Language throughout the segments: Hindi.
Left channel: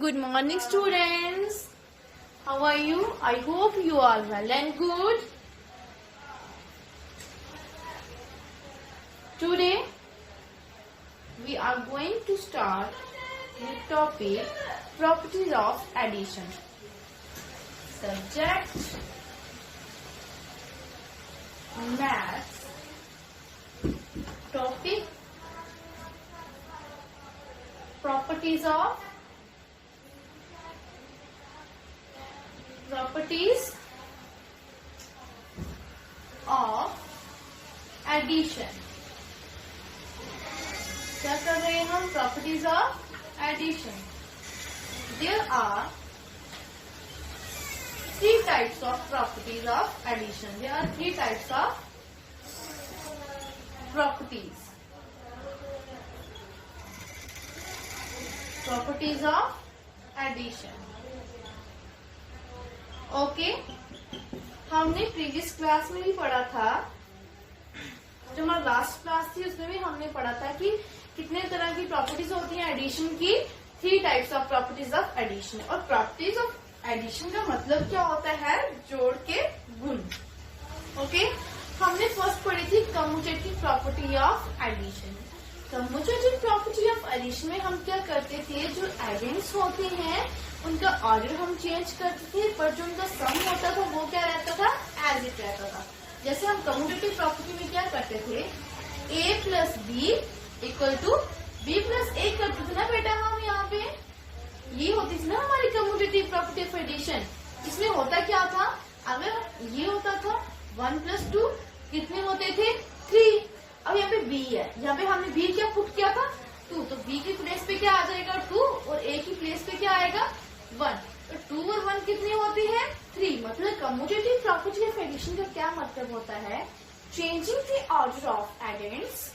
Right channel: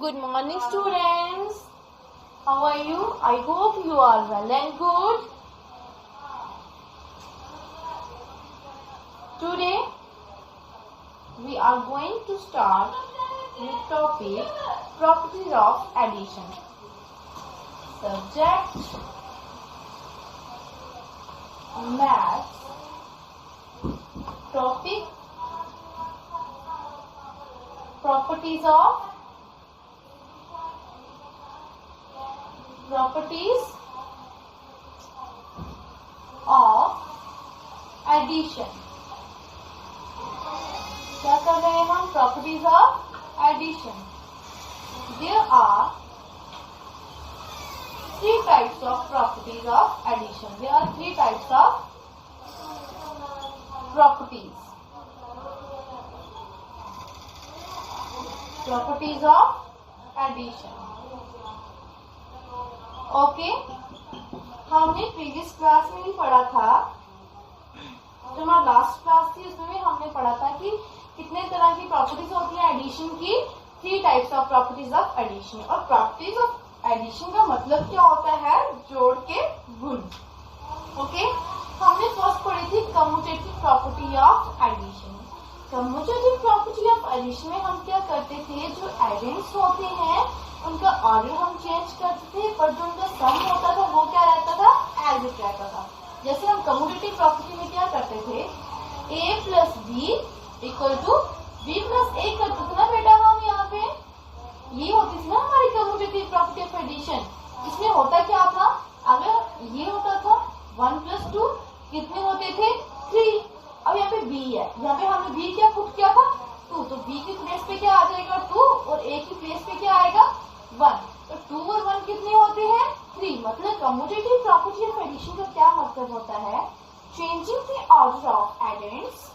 Good morning, students. How are you? I hope you are well and good. Today, we are going to start with topic properties of addition. Subject maths. Topic properties of addition. क्या कर रहे हैं हम? Properties of addition. There are three types of properties of addition. There are three types of properties. Properties of addition. Okay, हमने प्रीवियस क्लास में भी पढ़ा था, जो हमारा लास्ट क्लास थी उसमें भी हमने पढ़ा था कि कितने तरह की प्रॉपर्टीज होती हैं एडिशन की. Three types of properties of addition. और प्रॉपर्टीज ऑफ एडिशन का मतलब क्या होता है? जोड़ के गुण. ओके, हमने फर्स्ट पढ़ी थी commutative property of addition. Commutative property of addition में हम क्या करते थे, जो एडेंट्स होते हैं उनका ऑर्डर हम चेंज करते थे, पर जो उनका सम होता था वो क्या रहता था? एज इट रहता था. जैसे हम कम्यूटेटिव प्रॉपर्टी में क्या करते थे, a plus B equal to b plus A करते थे ना बेटा. हम यहाँ पे ये होती थी ना हमारी कम्यूटेटिव प्रॉपर्टी ऑफ एडिशन. इसमें होता क्या था? अगर ये होता था 1 प्लस 2 कितने होते थे? 3. अब यहाँ पे b है, यहाँ पे हमने b क्या पुट किया था? 2. तो b की प्लेस पे क्या आ जाएगा? 2. और a की प्लेस पे क्या आएगा? 1. तो 2 और 1 कितने होते हैं? 3. मतलब कम्यूटेटिव प्रॉपर्टी ऑफ एडिशन का क्या मतलब होता है? Changing the order of addends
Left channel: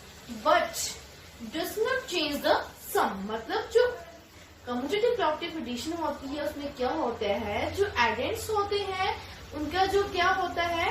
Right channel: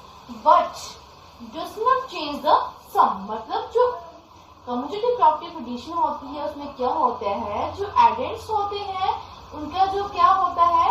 but does not change the sum. मतलब जो कम्यूटेटिव प्रॉपर्टी ऑफ एडिशन होती है उसमें क्या होता है, जो एडेंट्स होते हैं उनका जो क्या होता है,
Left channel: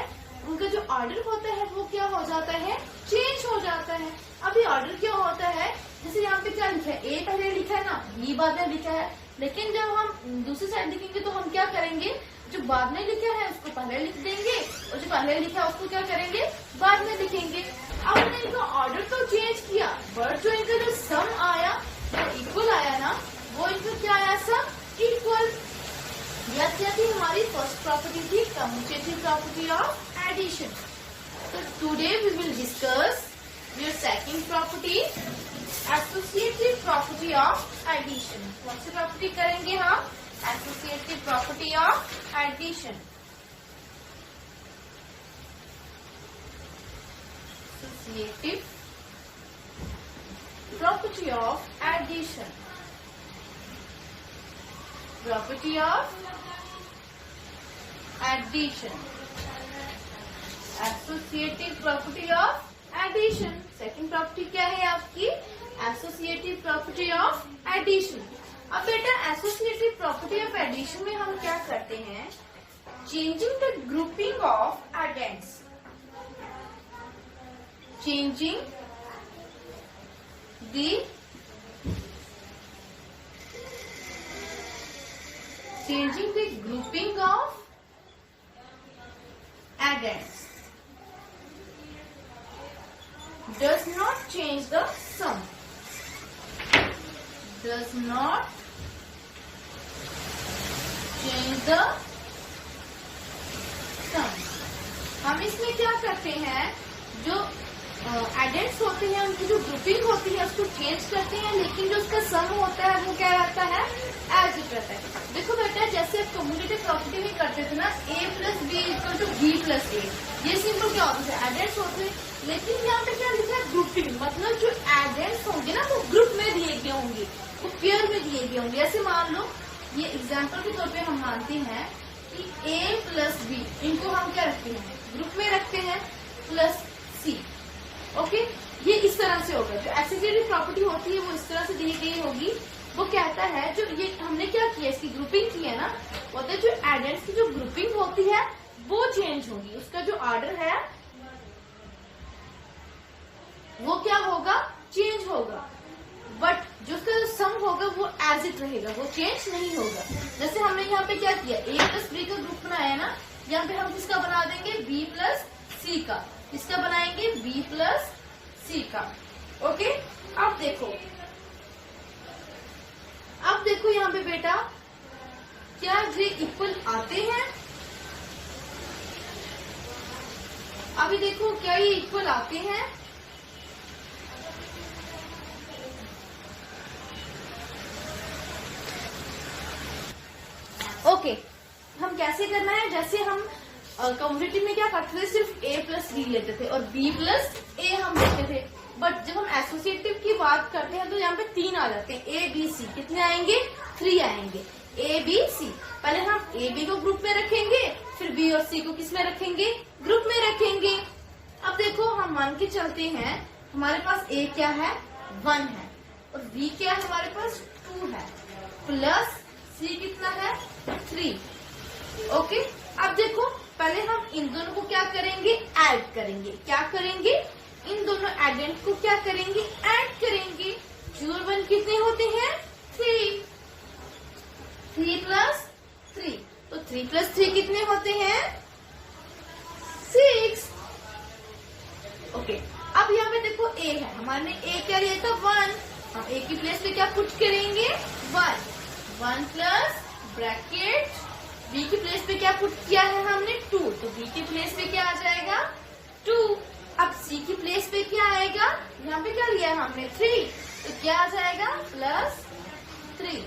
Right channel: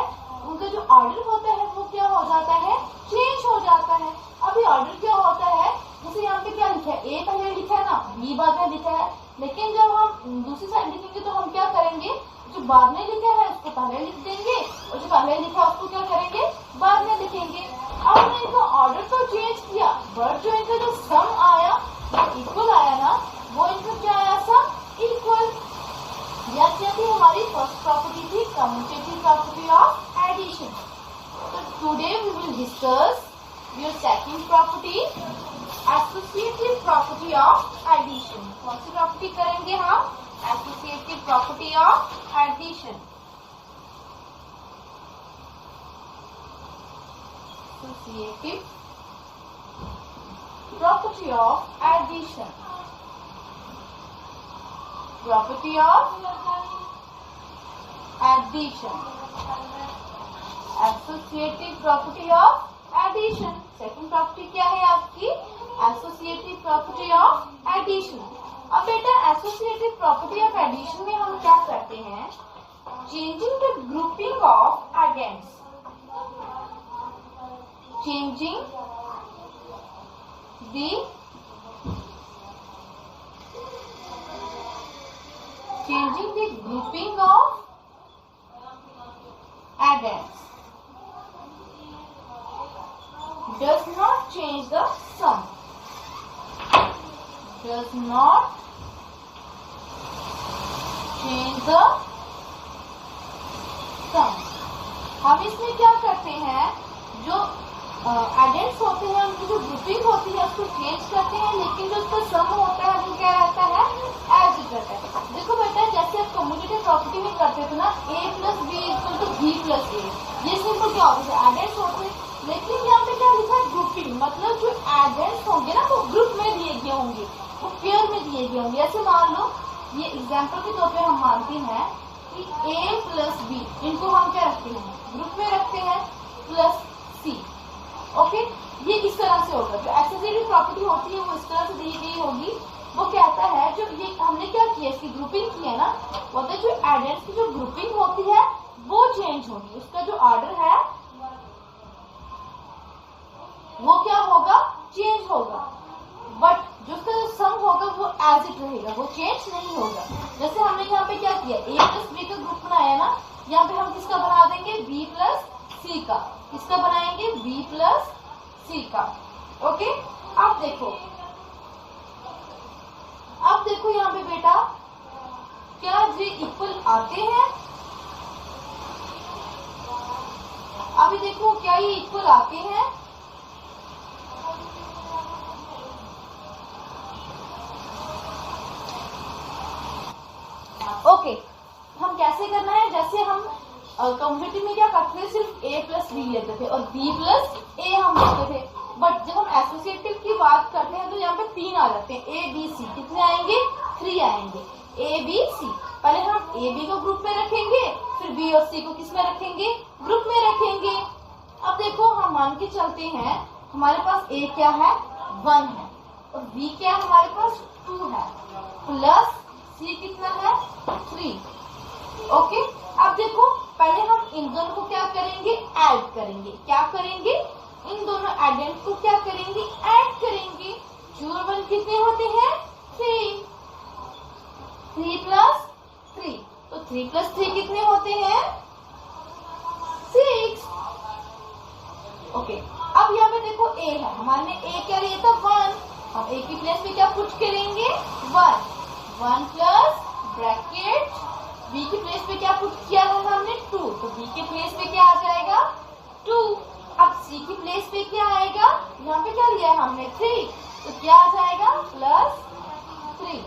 उनका जो ऑर्डर होता है वो क्या हो जाता है? चेंज हो जाता है. अभी ऑर्डर क्या होता है, जैसे यहाँ पे क्या लिखा है, ए पहले लिखा है ना, बी बाद में लिखा है. लेकिन जब हम दूसरी साइड लिखेंगे तो हम क्या करेंगे, जो बाद में लिखा है उसको पहले लिख देंगे और जो पहले लिखा है उसको क्या करेंगे? बाद में लिखेंगे. अब हमने इनका ऑर्डर तो चेंज किया, बट जो इनका जो सम आया वो इक्वल आया ना, वो इनका क्या आया? Sum equal. यह क्या थी? हमारी फर्स्ट प्रॉपर्टी थी कम्यूटेटिव प्रॉपर्टी ऑफ एडिशन. तो today we will discuss your second property, associative property of addition. कौन सी प्रॉपर्टी करेंगे हम? Associative property of addition. Associative property of addition. Property of addition. Associative property of addition. Second property क्या है आपकी? Associative property of addition. अब बेटा एसोसिएटिव प्रॉपर्टी ऑफ एडिशन में हम क्या करते हैं? Changing the grouping of addends. Changing the grouping of addends does not change the sum. Does not change the sum. हम इसमें क्या करते हैं, जो एडेंट्स होते हैं उनकी जो ग्रुपिंग होती है उसको चेंज करते हैं, लेकिन जो उसका सम होता है वो क्या रहता है? एज इट रहता है. देखो बेटा, जैसे आप कम्यूटेटिव प्रॉपर्टी में करते थे ना, a plus B equal to B plus A. ये सिंपल क्या होता है? एडेंट्स होते हैं. लेकिन यहाँ पे क्या लिखा है? ग्रुपिंग. मतलब जो एडेंट्स होंगे ना वो ग्रुप में दिए गए होंगे, वो पेयर में दिए गए होंगे. ऐसे मान लो, ये एग्जाम्पल के तौर पे हम मानते हैं कि a प्लस बी, इनको हम क्या रखते हैं? ग्रुप में रखते हैं, प्लस सी. ओके, ये इस तरह से होगा. जो एसोसिएटिव प्रॉपर्टी होती है वो इस तरह से दी गई होगी. वो कहता है, जो ये हमने क्या किया, इसकी ग्रुपिंग की है ना, वो तो जो एडेंट्स की जो ग्रुपिंग होती है वो चेंज होगी. उसका जो ऑर्डर है वो क्या होगा? चेंज होगा. बट जो उसका जो सम होगा वो एज इट रहेगा, वो चेंज नहीं होगा। जैसे हमने यहाँ पे क्या किया, ए प्लस बी का ग्रुप बनाया ना, यहाँ पे हम किसका बना देंगे, बी प्लस सी का। किसका बनाएंगे, बी प्लस सी का। ओके, अब देखो यहाँ पे बेटा, क्या ये इक्वल आते हैं? अभी देखो क्या ये इक्वल आते हैं? ओके, हम कैसे करना है, जैसे हम कम्युनिटी में क्या करते थे, सिर्फ a प्लस बी लेते थे और b प्लस ए हम लेते थे। बट जब हम एसोसिएटिव की बात करते हैं तो यहाँ पे 3 आ जाते हैं, a b c। कितने आएंगे, 3 आएंगे, a b c। पहले हम a b को ग्रुप में रखेंगे, फिर b और c को किस में रखेंगे, ग्रुप में रखेंगे। अब देखो हम मान के चलते हैं, हमारे पास a क्या है, 1 है, और b क्या है हमारे पास, 2 है, प्लस c कितना है, 3। ओके, अब देखो पहले हम इन दोनों को क्या करेंगे, ऐड करेंगे। क्या करेंगे, इन दोनों एडेंट को क्या करेंगे, ऐड करेंगे। 2 और 1 कितने होते हैं, 3। 3 प्लस 3, तो 3 प्लस 3 कितने होते हैं, 6। ओके, अब यहाँ पे देखो a है, हमारे a क्या लिया था, 1। हम a की प्लेस पे क्या पुट करेंगे, 1 प्लस ब्रैकेट b की प्लेस पे क्या पुट किया है हमने, 2, तो b की प्लेस पे क्या आ जाएगा, 2। अब c की प्लेस पे क्या आएगा, यहाँ पे क्या लिया हमने, 3, तो क्या आ जाएगा, प्लस 3।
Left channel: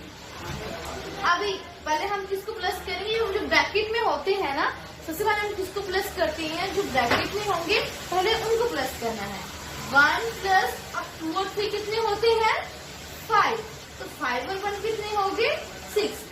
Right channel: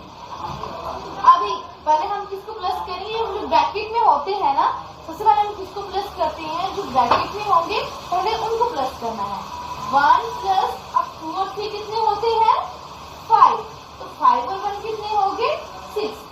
अभी पहले हम किसको प्लस करेंगे, जो ब्रैकेट में होते हैं ना, सबसे पहले हम किसको प्लस करते हैं, जो ब्रैकेट में होंगे पहले उनको प्लस करना है। 1 प्लस, अब 2 और 3 कितने होते हैं, 5, तो 5 और 1 कितने हो गए, 6।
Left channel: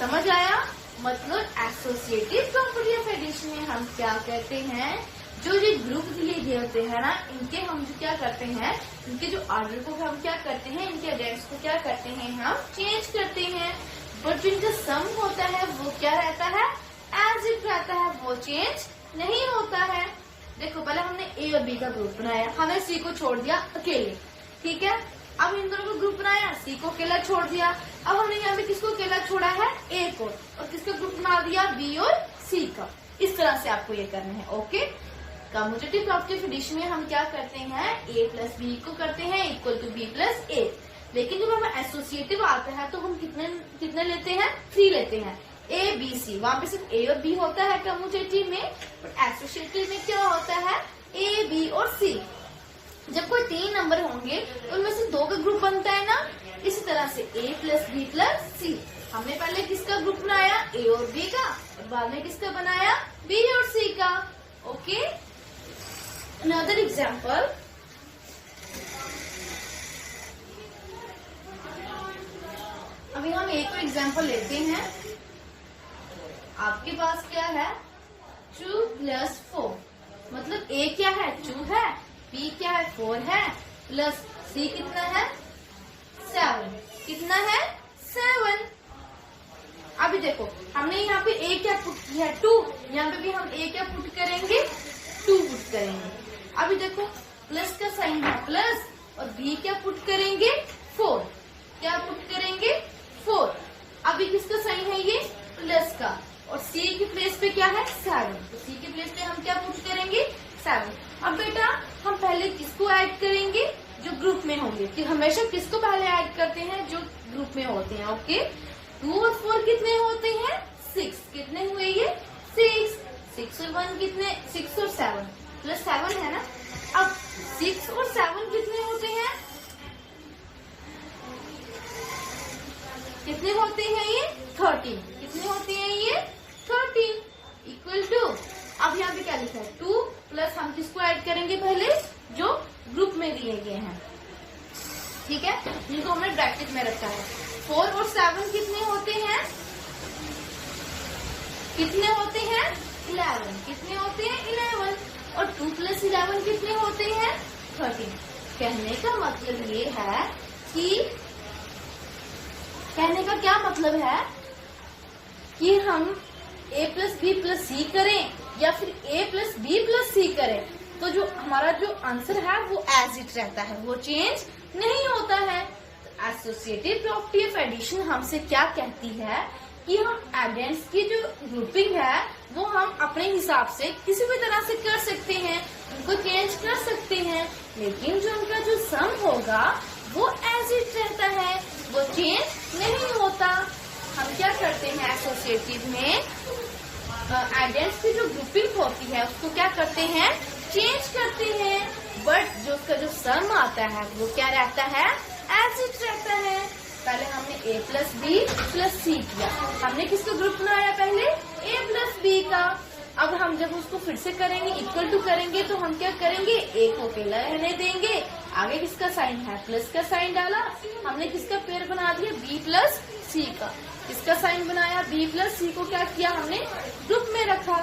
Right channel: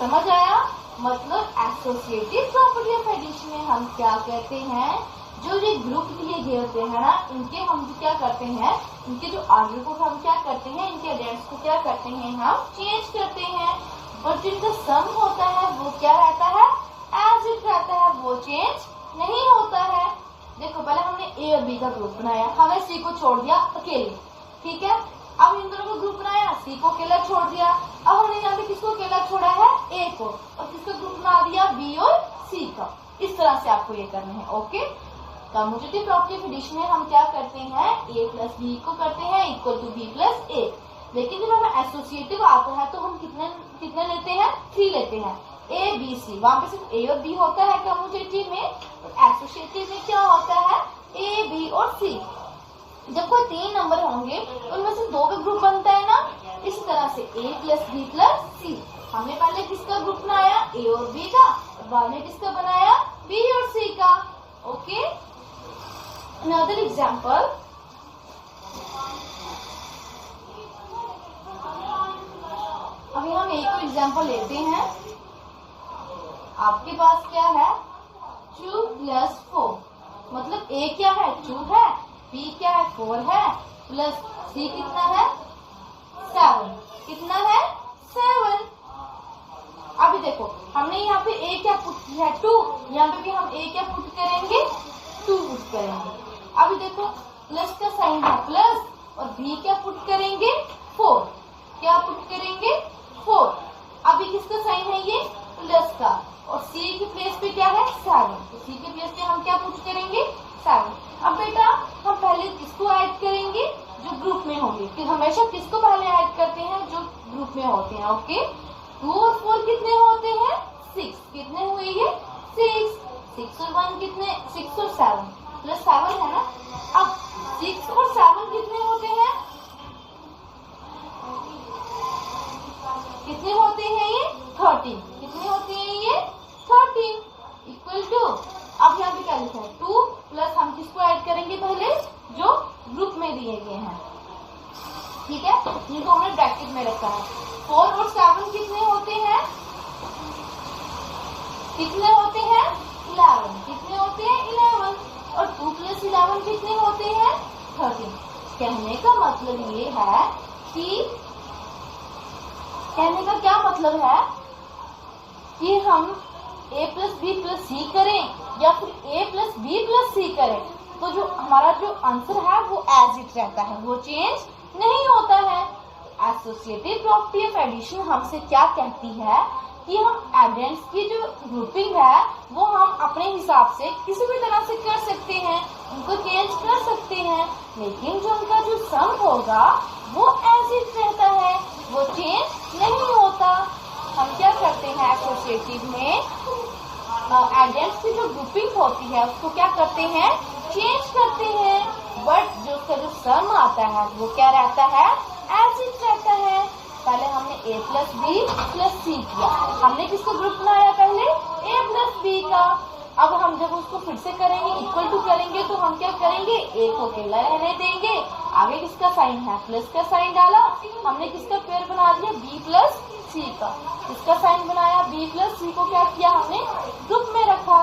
समझ आया, मतलब एसोसिएटिव प्रॉपर्टी ऑफ एडिशन में हम क्या करते हैं, जो ये ग्रुप दिए गए होते हैं ना, इनके हम क्या करते हैं, इनके जो ऑर्डर को हम क्या करते हैं, इनके एडेंट्स को क्या करते हैं, हम चेंज करते हैं। बट जो इनका सम होता है वो क्या रहता है, एज इट रहता है, वो चेंज नहीं होता है। देखो पहले हमने ए और बी का ग्रुप बनाया, हमें सी को छोड़ दिया अकेले, ठीक है। अब इन दोनों को ग्रुप बनाया, सी को अकेला छोड़ दिया। अब हमने यहाँ पे किसको अकेला छोड़ा है, ए को, और किसका ग्रुप बना दिया, बी और सी का। इस तरह से आपको ये करना है। Okay, commutative property of addition में हम क्या करते हैं, a प्लस बी को करते हैं इक्वल टू बी प्लस ए। लेकिन जब हमें एसोसिएटिव आता है तो हम कितने लेते हैं, 3 लेते हैं, ए बी सी। वहां पे सिर्फ ए और बी होता है कम्यूटेटिव में, बट एसोसिएटिव में क्या होता है, ए बी और सी। जब कोई 3 नंबर होंगे तो उनमें से 2 का ग्रुप बनता है ना, इसी तरह से a प्लस बी प्लस सी। हमने पहले किसका ग्रुप बनाया, a और b का, और बाद में किसका बनाया, b और c का। ओके, अनदर एग्जाम्पल, अभी हम एक और एग्जाम्पल लेते हैं। आपके पास क्या है, 2 प्लस 4, मतलब a क्या है, 2 है, b क्या है, 4 है, प्लस c कितना है, 7। कितना है, 7। अभी देखो हमने यहाँ पे a क्या पुट किया है, 2, यहाँ पे भी हम a क्या पुट करेंगे, 2 पुट करेंगे। अभी देखो प्लस का साइन है प्लस, और b क्या पुट करेंगे, 4। क्या पुट करेंगे, 4। अभी किसका साइन है ये, प्लस का, और c की प्लेस पे क्या है, 7, तो c की प्लेस पे हम क्या पुट करेंगे, 7। अब बेटा हम पहले किसको ऐड करेंगे, जो ग्रुप में होंगे, कि हमेशा किसको पहले ऐड करते हैं, जो ग्रुप में होते हैं। ओके, 2 और 4 कितने होते हैं, 6। कितने हुए ये, 6। 6 और 1 कितने, 6 और 7 प्लस 7 है ना। अब 6 और 7 कितने होते हैं, कितने होते हैं ये, 13। कितने होते हैं ये, 13 इक्वल टू, अब यहाँ पे क्या लिखा है, 2 प्लस हम किसको ऐड करेंगे, पहले जो ग्रुप में दिए गए हैं, ठीक है, जिनको हमने ब्रैकेट में रखा है। 4 और 7 कितने होते हैं, कितने होते हैं, 11। कितने होते हैं, 11, और 2 प्लस 11 कितने होते हैं, 13। कहने का मतलब ये है कि, कहने का क्या मतलब है कि हम a प्लस बी प्लस सी करें या फिर a प्लस बी प्लस सी करें, तो जो हमारा जो आंसर है वो एज इट रहता है, वो चेंज नहीं होता है। एसोसिएटिव प्रॉपर्टी ऑफ एडिशन हमसे क्या कहती है कि हम एडेंट्स की जो ग्रुपिंग है वो हम अपने हिसाब से किसी भी तरह से कर सकते हैं, उनको चेंज कर सकते हैं, लेकिन जो उनका जो सम होगा वो एज इट रहता है, वो चेंज नहीं होता। हम क्या करते हैं एसोसिएटिव में एडेंट्स की जो ग्रुपिंग होती है उसको क्या करते हैं, चेंज करते हैं, बट जो उसका जो सम आता है वो क्या रहता है, एज इट रहता है। पहले हमने a प्लस बी प्लस सी किया, हमने किसका ग्रुप बनाया पहले, a प्लस बी का। अब हम जब उसको फिर से करेंगे, इक्वल टू करेंगे, तो हम क्या करेंगे, a को अकेला रहने देंगे, आगे किसका साइन है, प्लस का साइन डाला, हमने किसका पेयर बना दिया, b प्लस सी का, किसका साइन बनाया, b प्लस सी को क्या किया, हमने ग्रुप में रखा।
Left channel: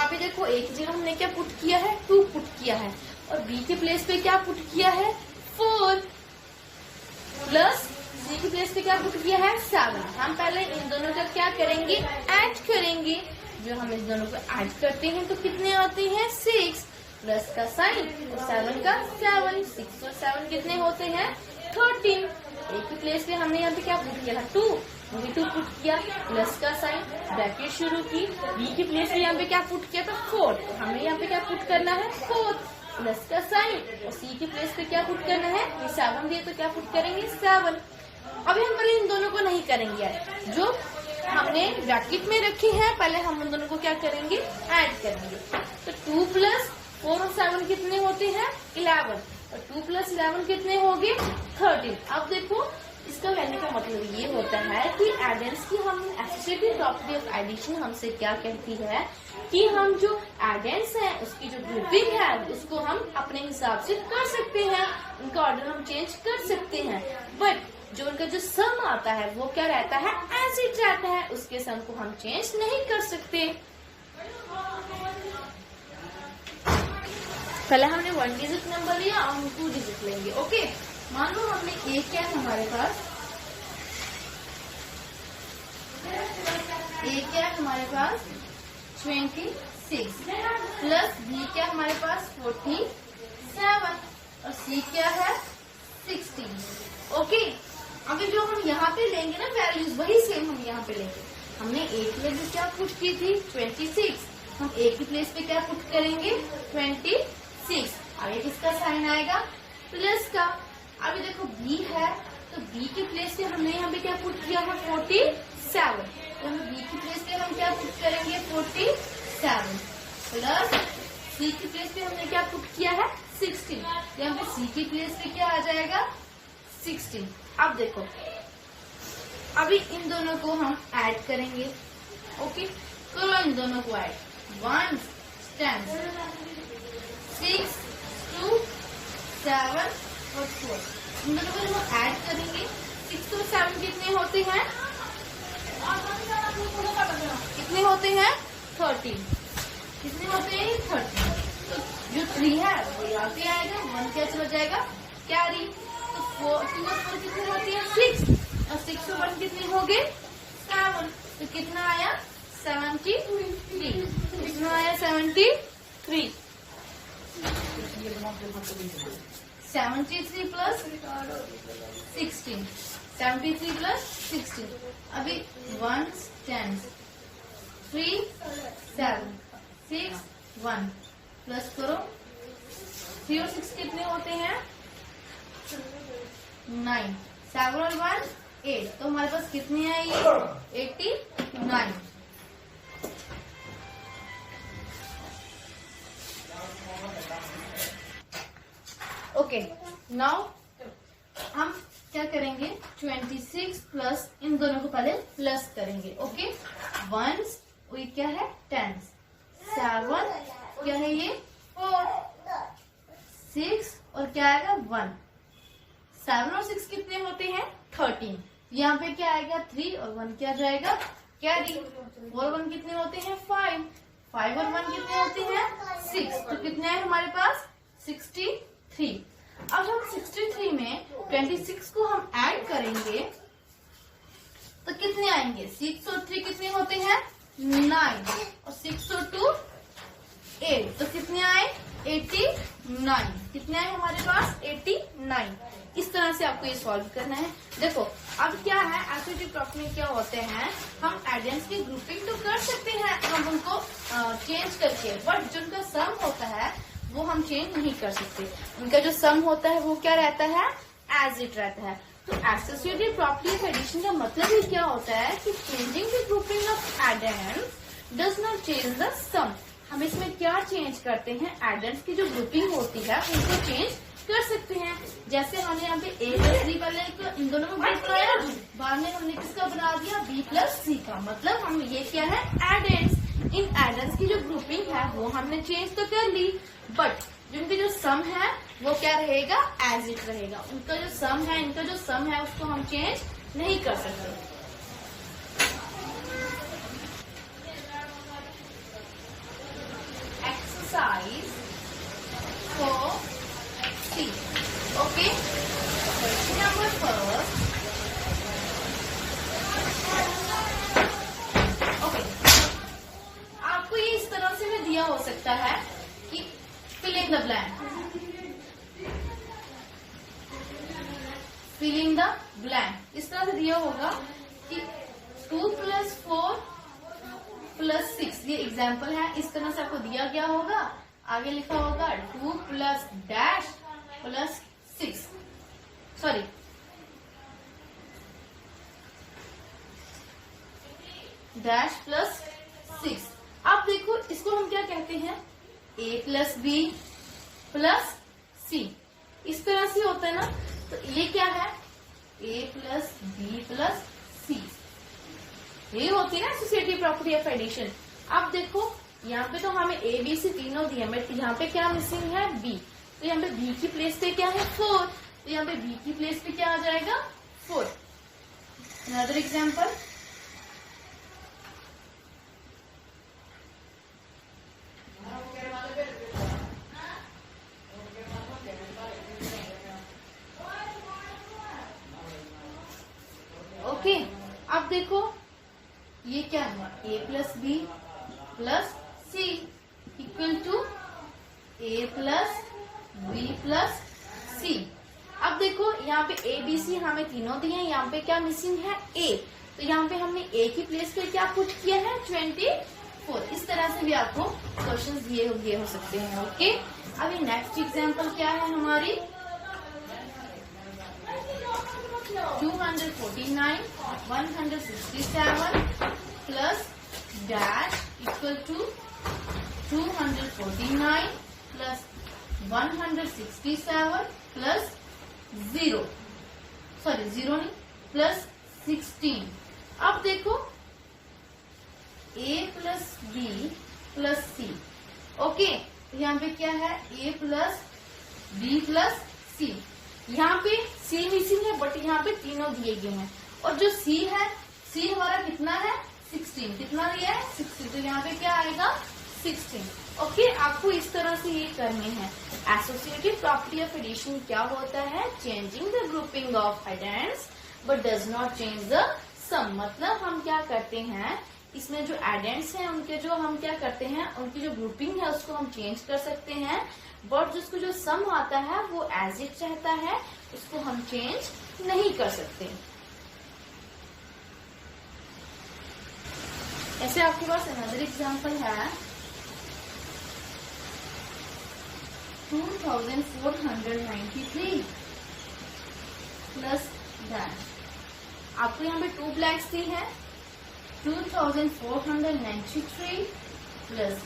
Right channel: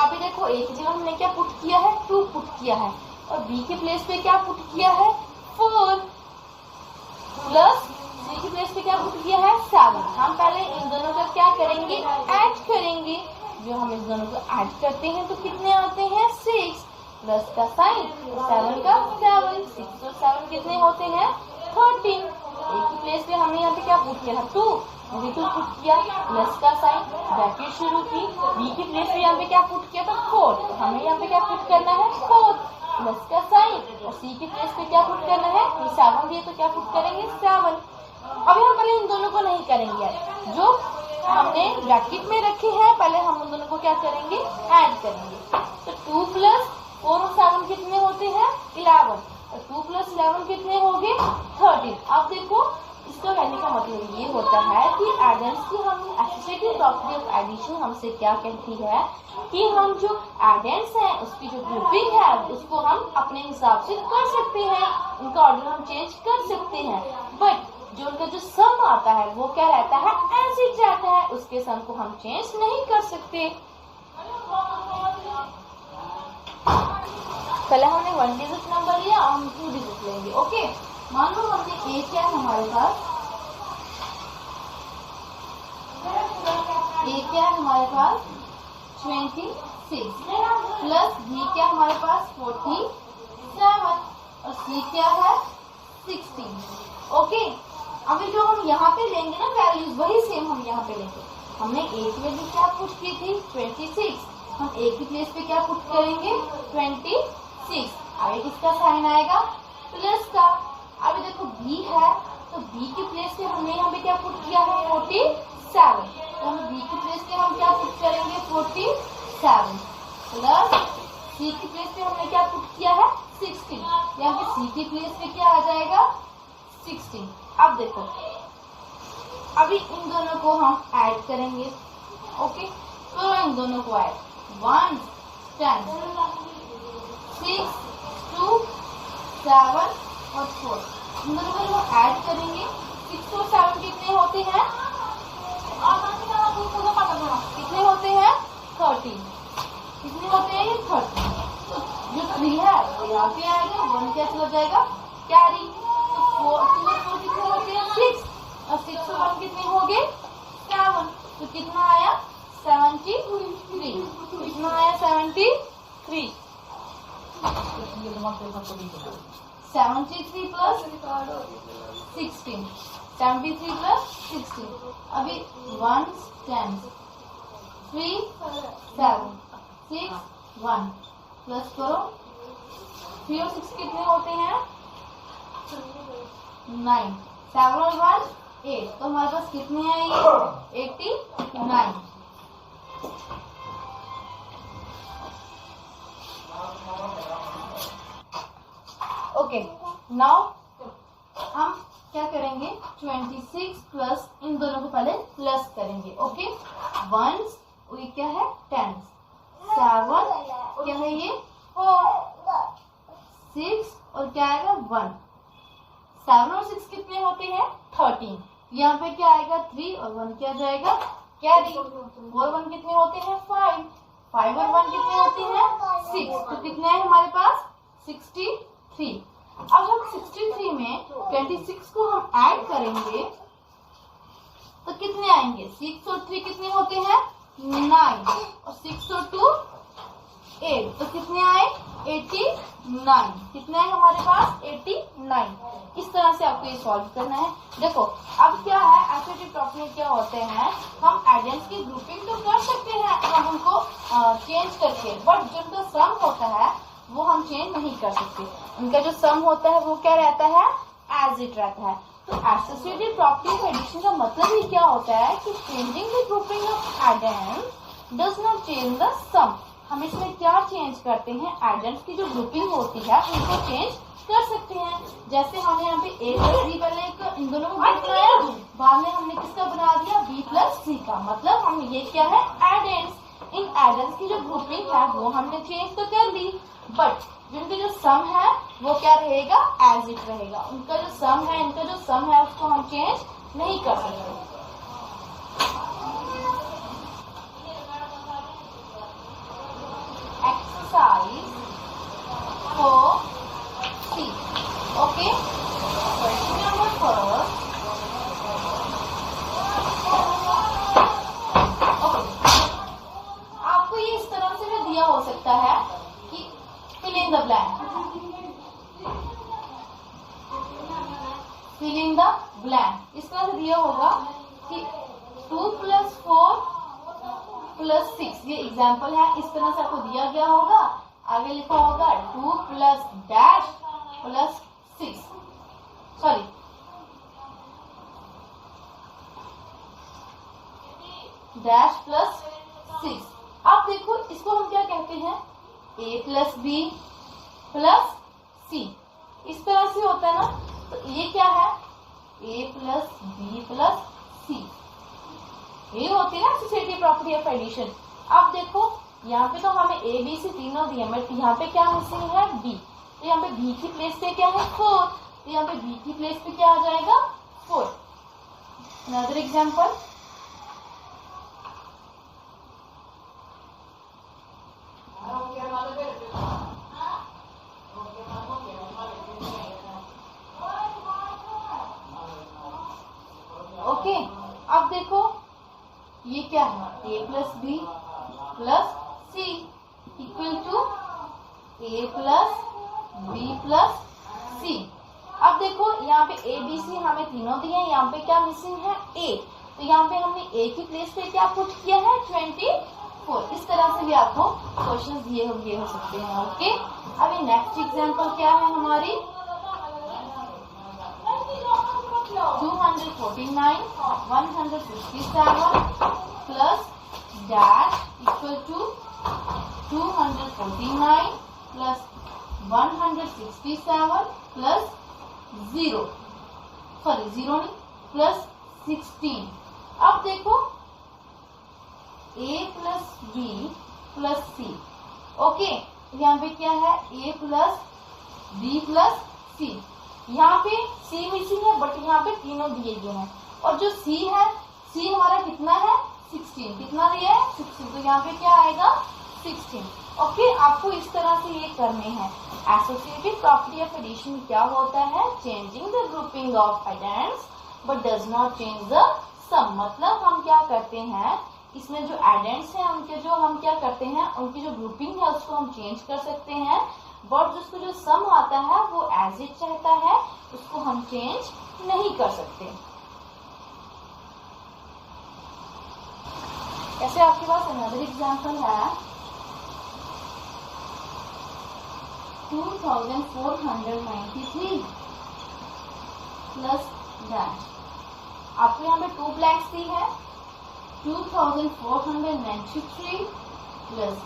अभी देखो a की जगह हमने क्या पुट किया है, 2 पुट किया है, और b के प्लेस पे क्या पुट किया है, 4 प्लस सी की प्लेस पे क्या पुट किया है, 7। हम पहले इन दोनों का क्या करेंगे, ऐड करेंगे। जो हम इन दोनों को ऐड करते हैं तो कितने आते हैं, 6 प्लस का साइन 7 का 7, 6 और 7 कितने होते हैं, 13। ए की प्लेस पे हमने यहाँ पे क्या पुट किया है, 2 पुट किया, प्लस का साइन, ब्रैकेट शुरू की। बी की प्लेस पे यहाँ पे क्या पुट किया था, 4, तो हमें यहाँ पे क्या पुट करना है, 4 प्लस का साइन, और सी की प्लेस पे क्या पुट करना है, ये 7 दिए तो क्या पुट करेंगे, 7। अभी हम पहले इन दोनों को नहीं करेंगे, जो हमने ब्रैकेट में रखी है पहले हम इन दोनों को क्या करेंगे, ऐड करेंगे। तो 2 प्लस 4 और 7 कितने होते हैं, 11, और 2 प्लस 11 कितने हो गए, 13। अब देखो इसका कहने का मतलब ये होता है कि एडेंट्स की हम एसोसिएटिव प्रॉपर्टी ऑफ एडिशन हमसे क्या कहती है कि हम जो एडेंट्स हैं उसकी जो ग्रुपिंग है उसको हम अपने हिसाब से कर सकते हैं, उनका ऑर्डर हम चेंज कर सकते हैं, बट जो उनका जो सम आता है वो क्या रहता है, एज इट रहता है, उसके सम को हम चेंज नहीं कर सकते। पहले हमने 1 डिजिट नंबर लिया, अब हम 2 डिजिट लेंगे। ओके, मान लो हमने ए क्या है हमारे पास, ए क्या है हमारे पास 26 प्लस बी क्या है हमारे पास 47 और सी क्या है 16। ओके, अभी जो हम यहाँ पे लेंगे ना वैल्यूज वही सेम हम यहाँ पे लेंगे। हमने ए की वैल्यू क्या पुट की थी, 26, हम ए की प्लेस पे क्या पुट करेंगे, 26, आगे किसका साइन आएगा, प्लस का। अभी देखो बी है तो बी की प्लेस पे हमने यहाँ पे क्या पुट किया है, 47, तो हम बी की प्लेस पे हम क्या पुट करेंगे, 47 प्लस सी की प्लेस पे हमने क्या पुट किया है, 16, यहाँ पे सी की प्लेस पे क्या आ जाएगा, 16। अब देखो अभी इन दोनों को हम ऐड करेंगे। ओके, तो इन दोनों को ऐड, 1 10 6 2 7 और 4, इन दोनों को हम ऐड करेंगे। 6 और 7 कितने होते हैं, कितने होते हैं, 13, कितने होते हैं, 13। तो जो 3 है वो यहाँ पे आएगा, 1 क्या चला जाएगा, कैरी। तो 4 2 और 4 कितने होते हैं, 6, और 6 और 1 कितने हो गए, 7, तो कितना आया, 73, कितना आया, 73, 73 प्लस 16, 73 प्लस 16। अभी 1 10 3 7 6 1 प्लस करो, 3 और 6 कितने होते हैं, 9, 7 और 1 8, तो हमारे पास कितने हैं ये, 89। ओके, नाउ हम क्या करेंगे, 26 प्लस इन दोनों को पहले प्लस करेंगे। ओके, 1 क्या है 10, 7 क्या है ये 4, 6 और क्या आएगा 1, 7 और 6 कितने होते हैं 13, यहाँ पे क्या आएगा 3 और 1 क्या जाएगा कैरी, 4 और 1 कितने होते हैं 5, 5 और 1 कितने होते हैं 6, तो कितने हैं हमारे पास 63। अब हम 63 में 26 को हम ऐड करेंगे तो कितने आएंगे, 6 और 3 कितने होते हैं 9 और 6 और 2 8, तो कितने आए 89, कितने आए हमारे पास 89। इस तरह से आपको ये सॉल्व करना है। देखो अब क्या है, एसोसिएटिव प्रॉपर्टी में क्या होते हैं, हम एडेंट्स की ग्रुपिंग तो कर सकते हैं हम उनको चेंज करके, बट जो उनका सम होता है वो हम चेंज नहीं कर सकते। उनका जो सम होता है वो क्या रहता है, एज इट रहता है। तो एसोसिएटिव प्रॉपर्टी ऑफ एडिशन का मतलब ही क्या होता है कि changing the grouping of addends does not change the sum. हम इसमें क्या चेंज करते हैं, एडेंट्स की जो ग्रुपिंग होती है उनको चेंज कर सकते हैं। जैसे हमने यहाँ पे ए प्लस बी बने, इन दोनों में बनाया, बाद में हमने किसका बना दिया, बी प्लस सी का। मतलब हम ये क्या है, एडेंट्स। इन एडेंट्स की जो ग्रुपिंग है वो हमने चेंज तो कर ली, बट जिनकी जो सम है वो क्या रहेगा, एज इट रहेगा। उनका जो सम है, इनका जो सम है उसको हम चेंज नहीं कर सकते। Exercise 4C, okay. Question number first, okay. आपको ये इस तरह से भी दिया हो सकता है कि fill in the blank, fill in the blank। इस तरह से दिया होगा कि 2 + 4 + 6, ये एग्जाम्पल है, इस तरह से आपको दिया गया होगा। आगे लिखा होगा 2 + डैश + 6, सॉरी डैश + 6। अब देखो इसको हम क्या कहते हैं, a + b + c। इस तरह से होता है ना, तो ये क्या है, a + b + c। ये होती है ना एसोसिएटिव प्रॉपर्टी ऑफ एडिशन। अब देखो यहाँ पे तो हमें a b c तीनों दिए, बट यहाँ पे क्या मिसिंग है, b। तो यहाँ पे b की प्लेस पे क्या है, 4। तो यहाँ पे b की प्लेस पे क्या आ जाएगा, 4। Another example, okay. अब देखो ये क्या है, a + b + c equal to a + b + c। अब देखो यहाँ पे a b c हमें तीनों दिए हैं, यहाँ पे क्या मिसिंग है, a। तो यहाँ पे हमने a की प्लेस पे क्या पुट किया है, 24। इस तरह से भी आपको क्वेश्चन दिए हो सकते हैं, ओके। अभी नेक्स्ट एग्जाम्पल क्या है हमारी, 249 167 plus dash equal to 249 plus 167 plus 0, sorry 0 नहीं, प्लस 16। अब देखो a + b + c, ओके। यहाँ पे क्या है, a + b + c। यहाँ पे c मिसिंग है, बट यहाँ पे तीनों दिए गए हैं। और जो c है, c हमारा कितना है, 16। कितना दिया है, 16। तो यहाँ पे क्या आएगा, 16, ओके। आपको इस तरह से ये करने हैं। एसोसिएटिव प्रॉपर्टी ऑफ एडिशन क्या होता है, changing the grouping of addends but does not change the sum. मतलब हम क्या करते हैं, इसमें जो एडेंट्स हैं उनके जो हम क्या करते हैं, उनकी जो ग्रुपिंग है उसको हम चेंज कर सकते हैं, बट जिसको जो सम आता है वो एज इट रहता है, उसको हम चेंज नहीं कर सकते। ऐसे आपके पास अनदर एग्जांपल है, 2493 प्लस डैश। आपको यहाँ पे 2 ब्लैंक्स दी है, 2493 प्लस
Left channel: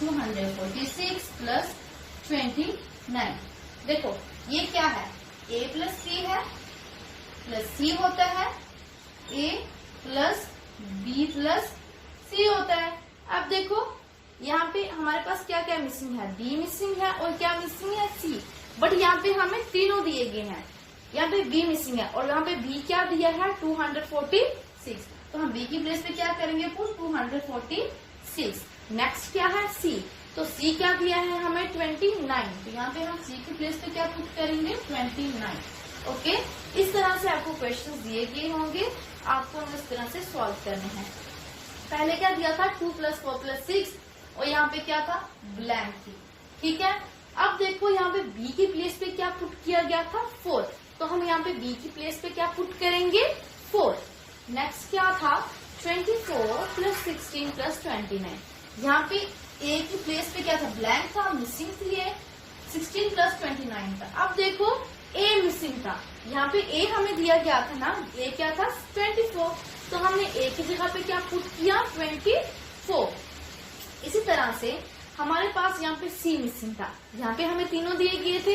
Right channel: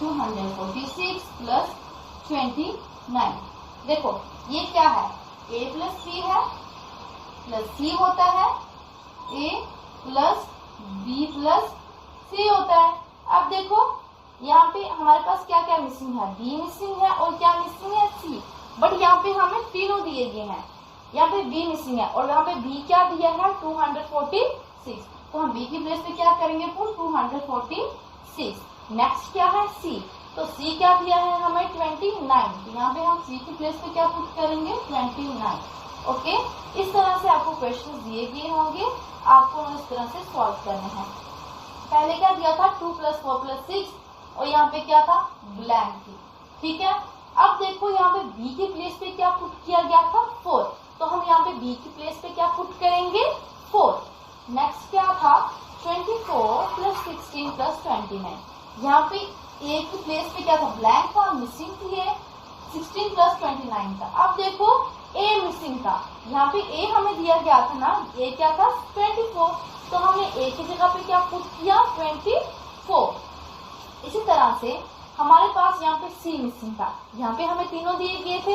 246 प्लस 29। देखो ये क्या है, a + c है, प्लस c होता है, a + b + c होता है। अब देखो यहाँ पे हमारे पास क्या क्या मिसिंग है, b मिसिंग है और क्या मिसिंग है, c। बट यहाँ पे हमें तीनों दिए गए हैं, यहाँ पे b मिसिंग है और यहाँ पे b क्या दिया है, 246। तो हम b की प्लेस पे क्या करेंगे, पुट 246। नेक्स्ट क्या है, c। तो c क्या दिया है हमें, 29। तो यहाँ पे हम c की प्लेस पे क्या पुट करेंगे, 29, ओके। इस तरह से आपको क्वेश्चन दिए गए होंगे, आपको इस तरह से सॉल्व करने हैं। पहले क्या दिया था, 2 + 4 + 6 और यहाँ पे क्या था, ब्लैंक थी, ठीक है। अब देखो यहाँ पे b की प्लेस पे क्या पुट किया गया था, 4। तो हम यहाँ पे b की प्लेस पे क्या पुट करेंगे 4। नेक्स्ट क्या था 24 प्लस 16 प्लस 29। यहाँ पे a की प्लेस पे क्या था ब्लैंक था, मिसिंग थी ये 16 प्लस 29 था। अब देखो a मिसिंग था, यहाँ पे a हमें दिया गया था ना, a क्या था 24, तो हमने a की जगह पे क्या पुट किया 24। इसी तरह से हमारे पास यहाँ पे c मिसिंग था, यहाँ पे हमें तीनों दिए गए थे,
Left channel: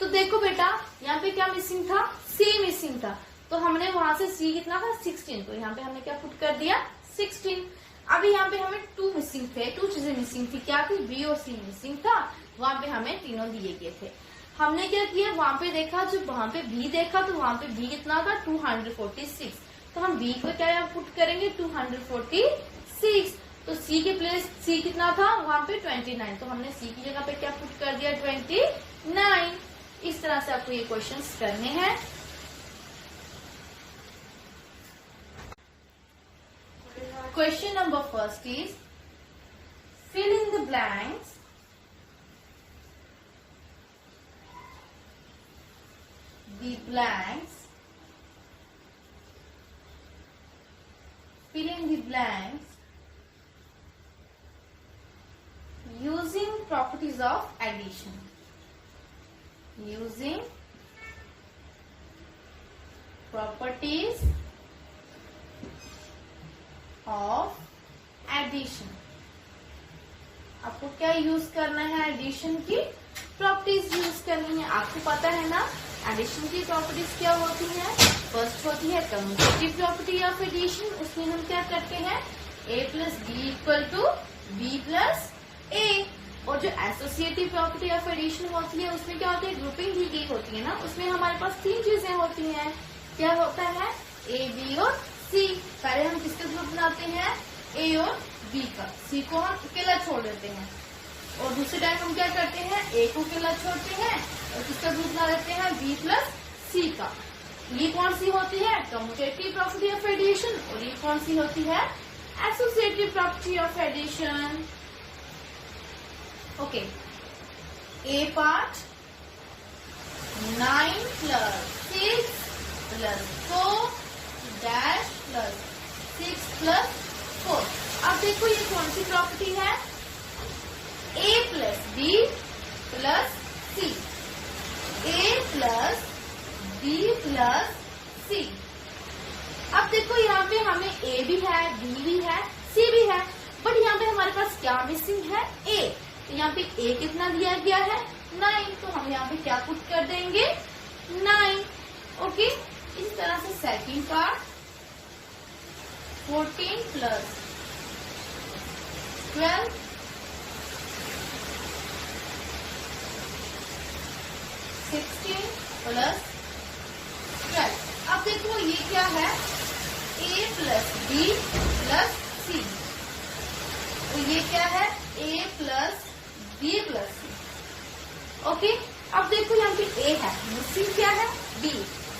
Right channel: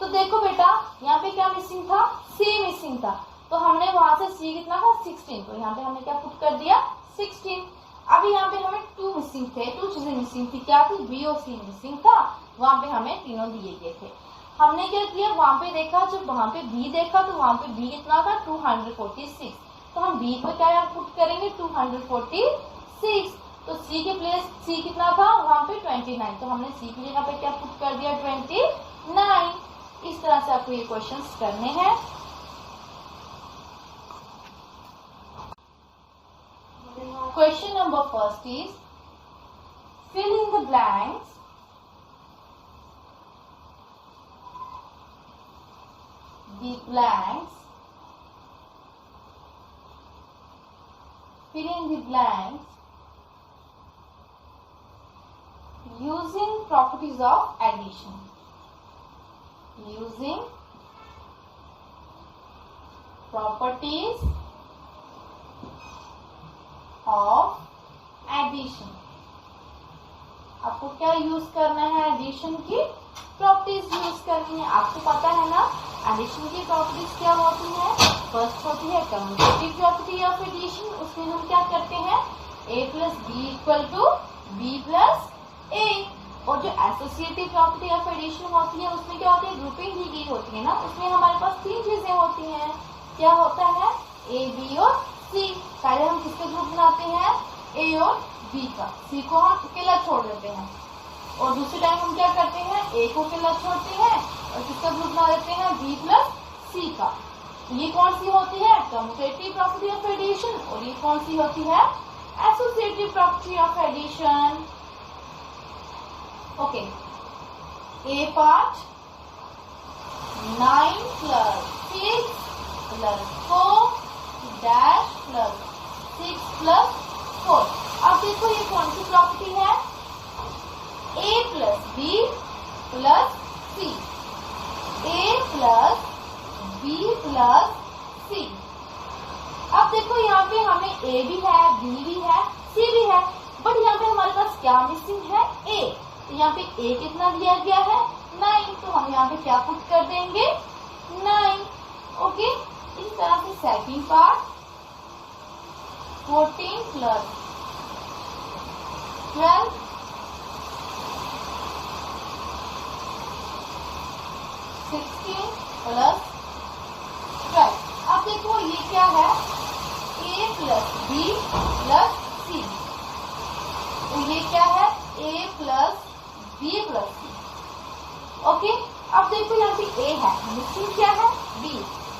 तो देखो बेटा यहाँ पे क्या मिसिंग था c मिसिंग था, तो हमने वहां से c कितना था 16, तो यहाँ पे हमने क्या पुट कर दिया 16। अभी यहाँ पे हमें 2 मिसिंग थे, 2 चीजें मिसिंग थी, क्या थी b और c मिसिंग था, वहां पे हमें तीनों दिए गए थे। हमने क्या किया वहां पे देखा, जब वहां पे b देखा तो वहां पे b कितना था 246, तो हम b को क्या यहाँ पुट करेंगे 246। तो c के प्लेस c कितना था वहां पे 29, तो हमने c की जगह पे क्या पुट कर दिया 29। इस तरह से आपको ये क्वेश्चंस करने हैं। Question number first is fill in the blanks fill in the blanks using properties of addition. Using properties of addition. आपको क्या यूज करना है एडिशन की प्रॉपर्टीज यूज करनी है। आपको पता है ना एडिशन की प्रॉपर्टीज क्या होती है। फर्स्ट होती है कम्यूटेटिव प्रॉपर्टी ऑफ एडिशन, उसमें हम क्या करते हैं a plus B equal to B plus A. और जो एसोसिएटिव प्रॉपर्टी ऑफ एडिशन होती है उसमें क्या होती है ग्रुपिंग दी गई होती है ना, उसमें हमारे पास 3 चीजें होती हैं। क्या होता है ए बी और सी। पहले हम किसका ग्रुप बनाते हैं ए और बी का, सी को हम अकेला छोड़ देते हैं, और दूसरे टाइम हम क्या करते हैं ए को अकेला छोड़ते हैं और किसका ग्रुप बना देते हैं बी प्लस सी का। ये कौन सी होती है कम्यूटेटिव प्रॉपर्टी ऑफ एडिशन, और ये कौन सी होती है associative property of addition. Okay, A part 9 plus 6 plus 4 dash plus 6 plus 4। अब देखो ये कौन सी प्रॉपर्टी है a plus B plus C, a plus B plus C. अब देखो यहाँ पे हमें a भी है b भी है c भी है, बट यहाँ पे हमारे पास क्या मिसिंग है a। तो यहाँ पे a कितना दिया गया है 9, तो हम यहाँ पे क्या पुट कर देंगे 9। ओके, इस तरह से सेकंड पार्ट 14 प्लस 12 16 प्लस 12। अब देखो ये क्या है a plus B plus C, तो ये क्या है a plus B plus C. Okay, अब देखो यहाँ पे a है, मिसिंग क्या है b,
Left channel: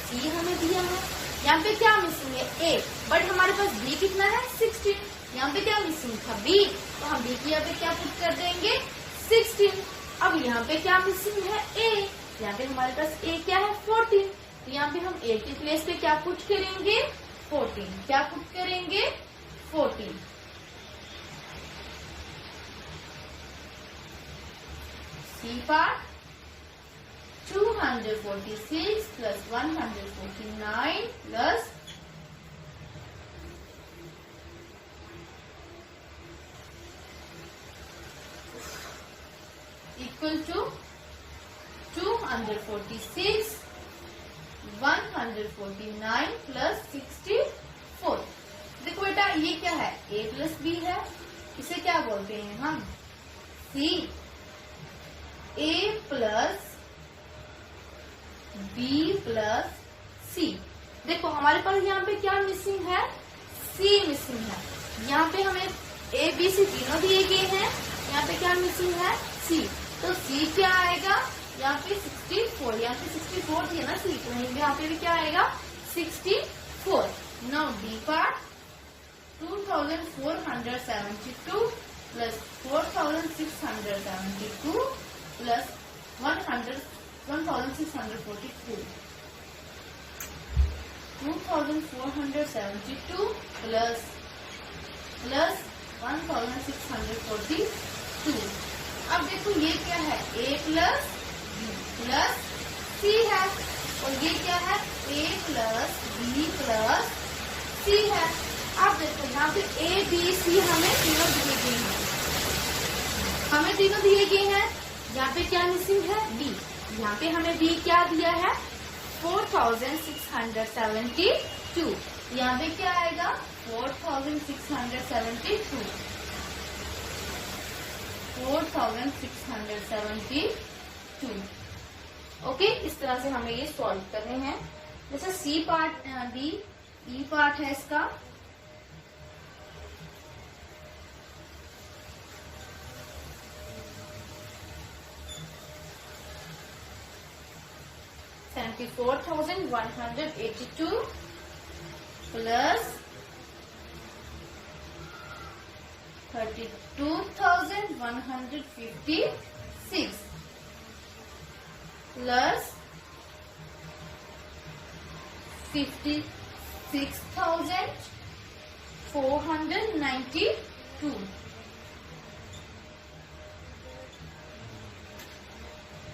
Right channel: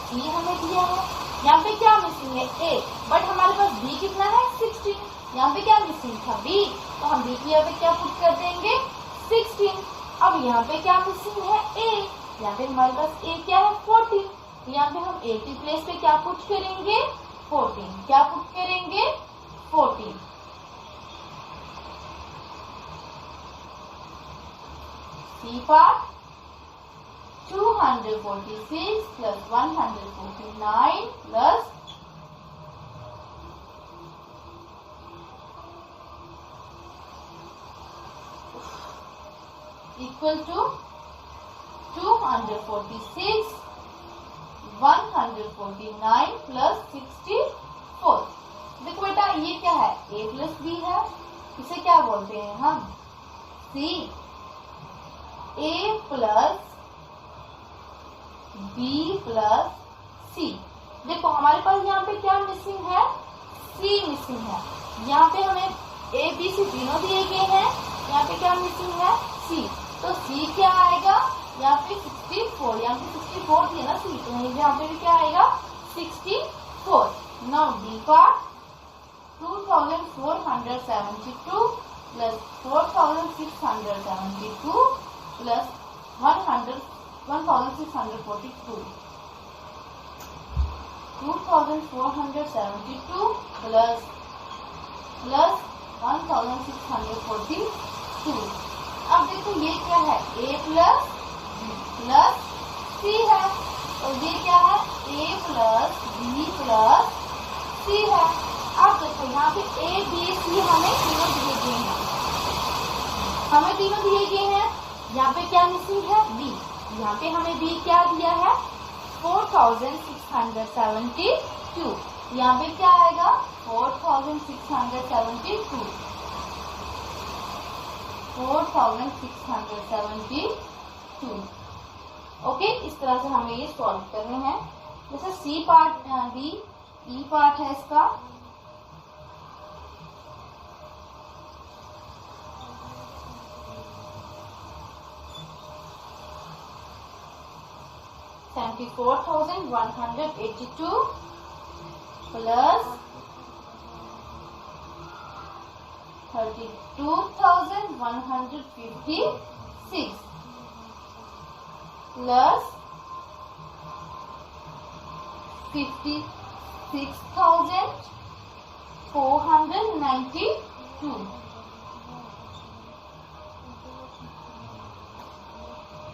c हमें दिया है, यहाँ पे क्या मिसिंग है a, बट हमारे पास b कितना है 16, यहाँ पे क्या मिसिंग था b, तो हम b की यहाँ पे क्या पुट कर देंगे 16। अब यहाँ पे क्या मिसिंग है a, यहाँ पे हमारे पास a क्या है 14, तो यहाँ पे हम a की प्लेस पे क्या पुट करेंगे 14, क्या पुट करेंगे 14। C part 246 plus 149 plus equal to 246 149 plus 64। देखो बेटा ये क्या है a प्लस बी है, इसे क्या बोलते हैं हम c। a plus b plus c। देखो हमारे पास यहाँ पे क्या मिसिंग है c मिसिंग है, यहाँ पे हमें a b c तीनों दिए गए हैं, यहाँ पे क्या मिसिंग है c, तो c क्या आएगा यहाँ पे 64, यहाँ पे 64 थी ना c, तो यहाँ पे भी क्या आएगा 64। Now d part 2472 plus 4672 plus 1642। 2472 plus 1642। अब देखो ये क्या है, a plus b plus c है, और ये क्या है, a plus b plus c है। अब देखो यहाँ पे a b c हमें तीनों दिए गए हैं, यहाँ पे क्या मिसिंग है, b। यहाँ पे हमें b क्या दिया है, 4672। यहाँ पे क्या आएगा, 4672। ओके, इस तरह से हमें ये सॉल्व करने हैं। जैसे C part D E part है इसका, $74,182 प्लस 32,156 प्लस 56,492।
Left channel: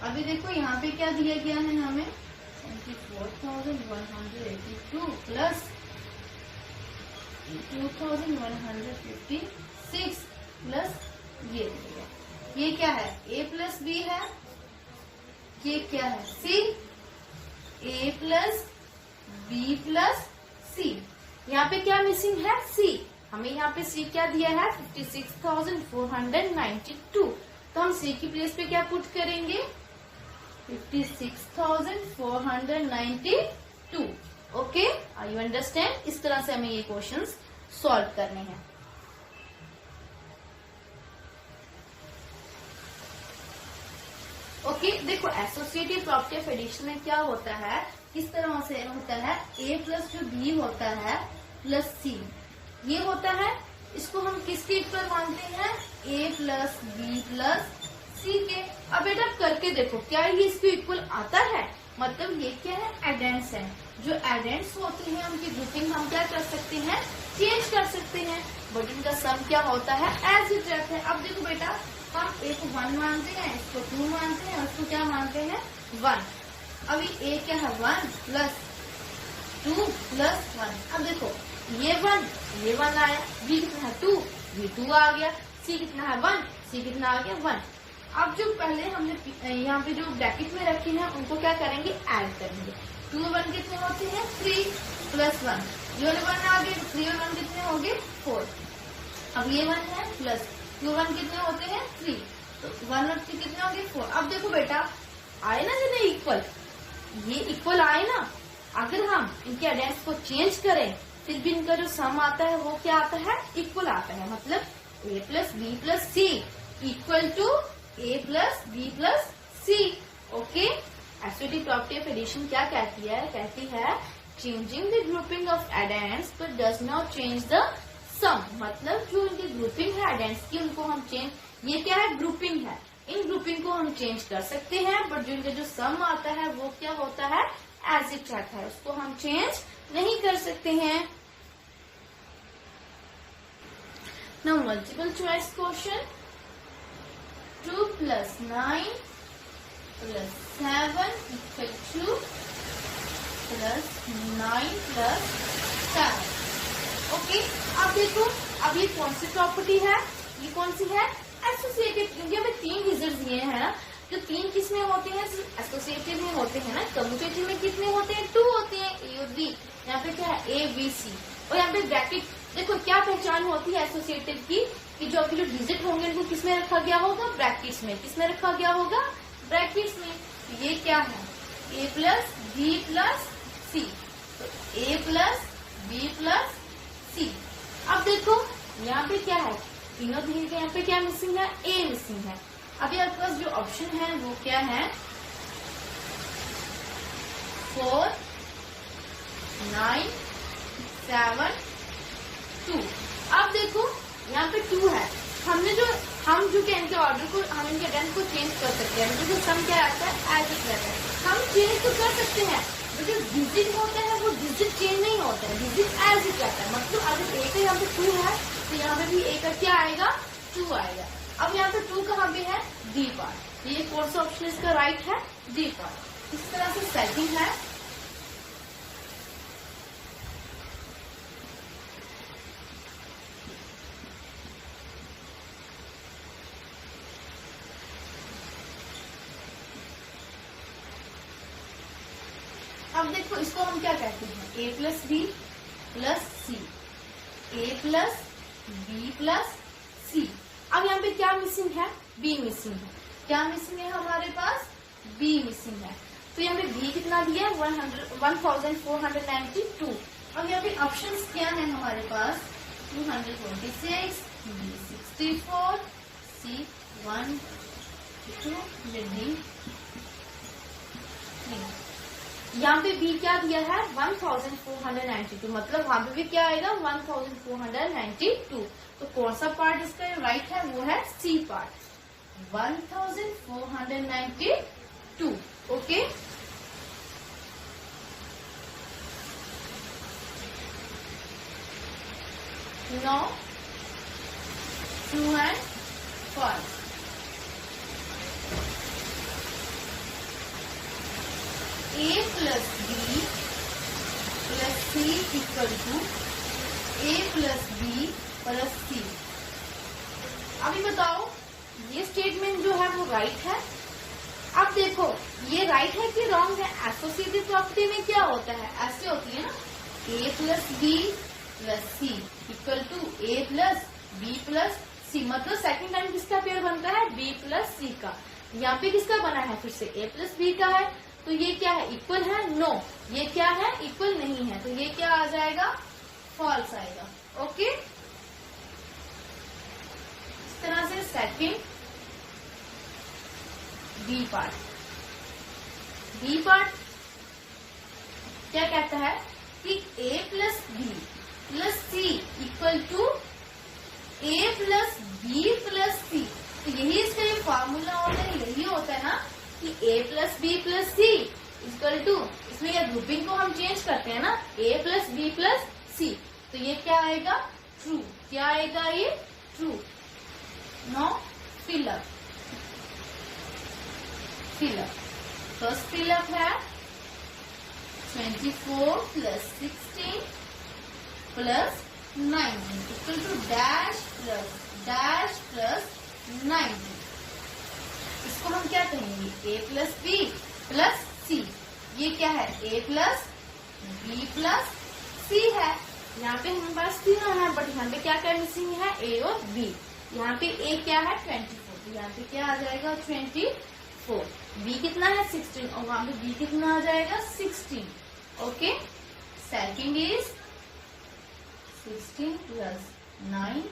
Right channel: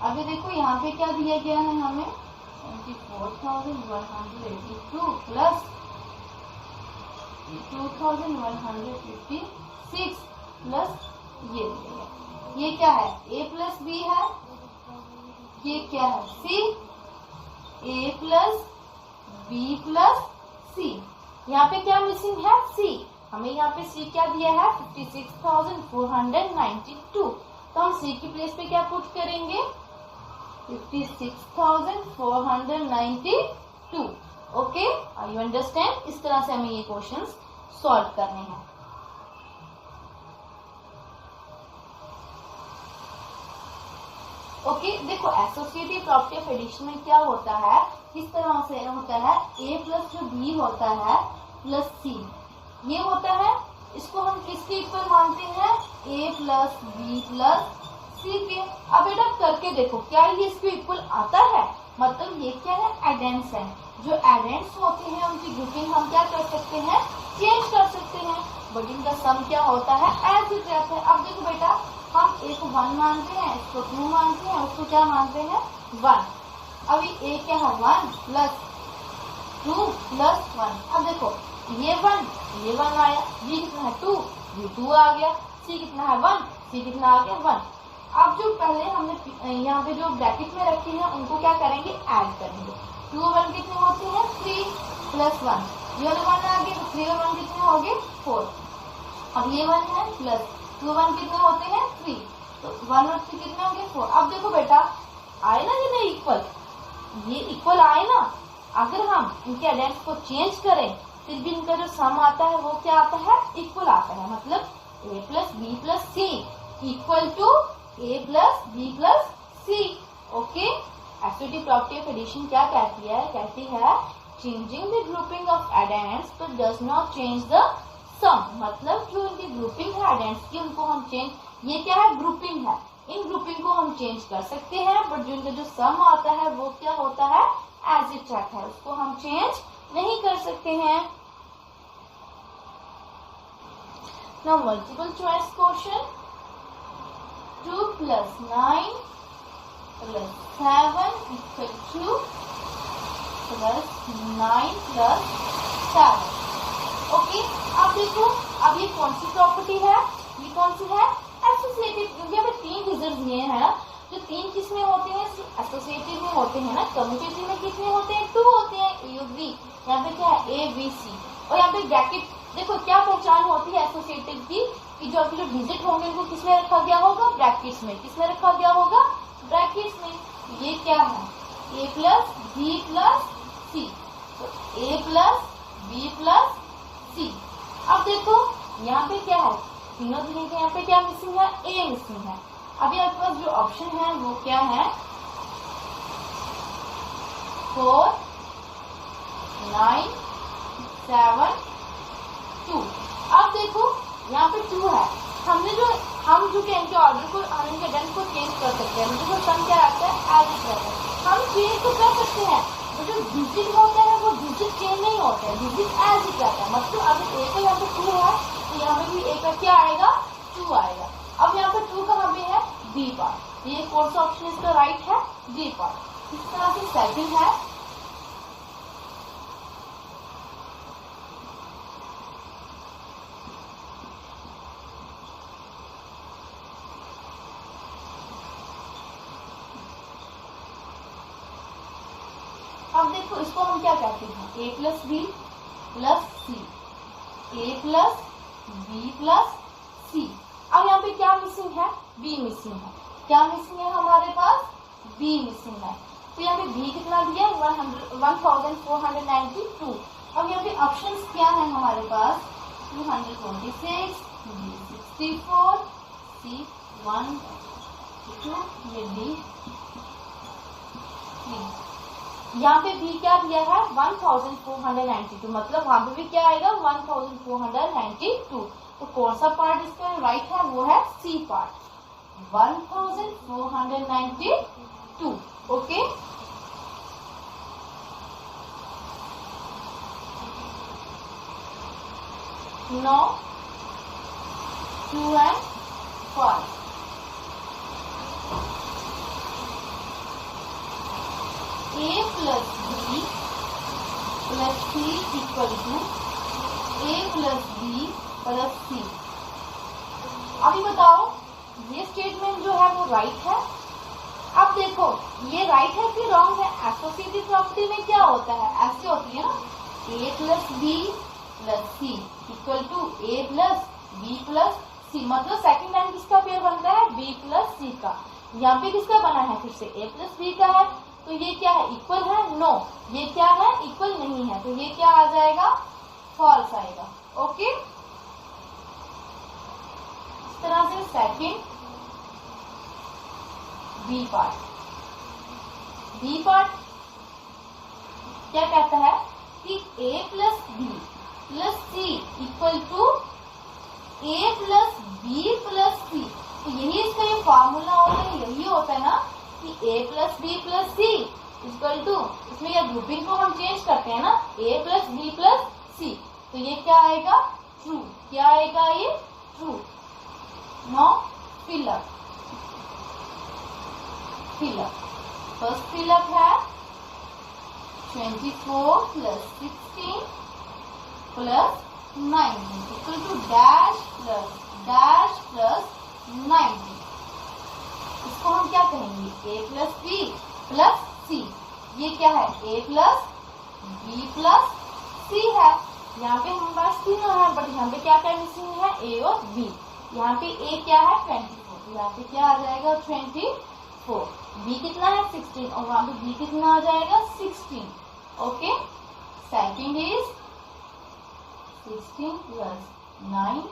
अभी देखो यहाँ पे क्या दिया गया है हमें, 24,182 प्लस 2,156 प्लस ये दिया, ये क्या है, a प्लस b है, ये क्या है, c, a plus b plus c। यहाँ पे क्या मिसिंग है, c। हमें यहाँ पे c क्या दिया है, 56,492। तो हम c की प्लेस पे क्या पुट करेंगे, 56,492। Okay, you understand. इस तरह से हमें ये क्वेश्चंस सॉल्व करने हैं। ओके, देखो एसोसिएटिव प्रॉपर्टी ऑफ एडिशन में क्या होता है, किस तरह से होता है, a प्लस जो b होता है प्लस c, ये होता है, इसको हम किसके इक्वल मानते हैं, a plus b plus c के। अब बेटा करके देखो क्या ये इसके इक्वल आता है, मतलब ये क्या है, एडेंट्स है। जो एडेंट्स होते हैं उनकी ग्रुपिंग हम क्या कर सकते हैं, चेंज कर सकते हैं, बट इनका सम क्या होता है, एज इट रहता है। अब देखो बेटा, हम a को 1 मानते हैं, इसको 2 मानते हैं, उसको क्या मानते हैं, 1। अभी a क्या है, 1 प्लस 2 प्लस 1। अब देखो ये 1 आया, b कितना है, 2, ये 2 आ गया, c कितना है, 1, c कितना आ गया, 1। अब जो पहले हमने यहाँ पे जो ब्रैकेट में रखे हैं उनको क्या करेंगे, ऐड करेंगे। 2 और 1 कितने होते हैं, 3 प्लस 1, ये वाले 1 आ गए, 3 और 1 कितने हो गए, 4। अब ये 1 है प्लस 2 और 1 कितने होते हैं, 3, तो 1 और 3 कितने होंगे, 4। अब देखो बेटा आए ना जिन्हें इक्वल, ये इक्वल आए ना, अगर हम इनके एडेंट्स को चेंज करें फिर भी इनका जो सम आता है वो क्या आता है, इक्वल आता है। मतलब a plus B plus C equal to a plus B plus C. Okay, associative property of addition क्या कहती है, changing the grouping of addends but does not change the sum. मतलब जो इनकी ग्रुपिंग है एडेंट्स की, उनको हम चेंज, ये क्या है, ग्रुपिंग है, इन ग्रुपिंग को हम चेंज कर सकते हैं, बट जो इनका जो सम आता है वो क्या होता है, एज इट रहता है, उसको हम चेंज नहीं कर सकते हैं। Now multiple choice question, 2 plus 9 plus 7 equal two plus 9 plus 7। Okay, अब देखो, अब ये कौन सी प्रॉपर्टी है, ये कौन सी है, एसोसिएटिव। क्योंकि हमें 3 डिजिट दिए हैं ना, जो 3 किसमें होते हैं, एसोसिएटिव में होते हैं ना, कम्यूटेटिव में कितने होते हैं, 2 होते हैं, ए और बी। यहाँ पे क्या है, ए बी सी, और यहाँ पे ब्रैकेट। देखो क्या पहचान होती है एसोसिएटिव की, कि जो आपके जो डिजिट होंगे उनको किसमें रखा गया होगा, ब्रैकेट्स में। किसमें रखा गया होगा, ब्रैकेट्स में। ये क्या है, A plus B plus C, तो ए प्लस बी प्लस सी। अब देखो यहाँ पे क्या है, तीनों दिए थे, यहाँ पे क्या मिसिंग है, ए मिसिंग है। अभी आपके पास जो ऑप्शन है वो क्या है, 4 9 7 2। अब देखो यहाँ पे 2 है, हम जो कि इनके ऑर्डर को, हम इनके एडेंट को चेंज कर सकते हैं। जो सम क्या आता है, एज इट रहता है, हम चेंज तो कर सकते हैं, जो डिजिट होता है वो डिजिट डिजिट चेंज नहीं होते हैं, डिजिट एज इट रहता है। मतलब अगर ए का यहाँ पे 2 है तो यहाँ पे भी ए का क्या आएगा, 2 आएगा। अब यहाँ पे 2 कहाँ पे है, डी पार्ट। ये कौन सा ऑप्शन इसका राइट है, डी पार्ट। इस तरह से सेटिंग है। अब देखो इसको हम क्या कहते हैं, ए प्लस बी प्लस सी, ए प्लस बी प्लस सी। अब यहाँ पे क्या मिसिंग है, बी मिसिंग है। क्या मिसिंग है हमारे पास, बी मिसिंग है। तो यहाँ पे बी कितना दिया, 1492। अब यहाँ पे ऑप्शंस क्या है हमारे पास, 226, बी 64, सी 1, 2, डी 3। यहाँ पे बी क्या दिया है, 1492, मतलब वहां पे भी क्या आएगा, 1492। तो कौन सा पार्ट इसका राइट है, वो है C part, 1492। Okay, no, true and false. A plus B plus C equal to A plus B plus C. अभी बताओ ये स्टेटमेंट जो है वो राइट है। अब देखो ये राइट है कि रॉन्ग है। एसोसिएटिव प्रॉपर्टी में क्या होता है, ऐसे होती है ना, A plus B plus C equal to A plus B plus C. मतलब सेकंड टाइम किसका पेयर बनता है, बी प्लस सी का। यहाँ पे किसका बना है, फिर से ए प्लस बी का है। तो ये क्या है, इक्वल है, नो। ये क्या है, इक्वल नहीं है। तो ये क्या आ जाएगा, फॉल्स आएगा। ओके, इस तरह से सेकंड बी पार्ट क्या कहता है कि A plus B plus C equal to A plus B plus C. तो यही इसका ये फॉर्मूला होता है, यही होता है ना कि a plus B plus C equal to, इसमें क्या ग्रुपिंग को हम चेंज करते हैं ना, a plus B plus C. तो ये क्या आएगा, ट्रू। क्या आएगा, ये true. No, fill up. First fill up है 24 plus 16 plus 19 equal to dash plus 19। इसको हम क्या कहेंगे, A plus B plus C. ये क्या है, A plus B plus C है। यहाँ पे हमारे पास तीनों है, बट यहाँ पे क्या क्या मिसिंग है, ए और बी। यहाँ पे ए क्या है, 24, तो यहाँ पे क्या आ जाएगा, 24। बी कितना है, 16, और वहां पे बी कितना आ जाएगा, 16। Okay, second is 16 plus 9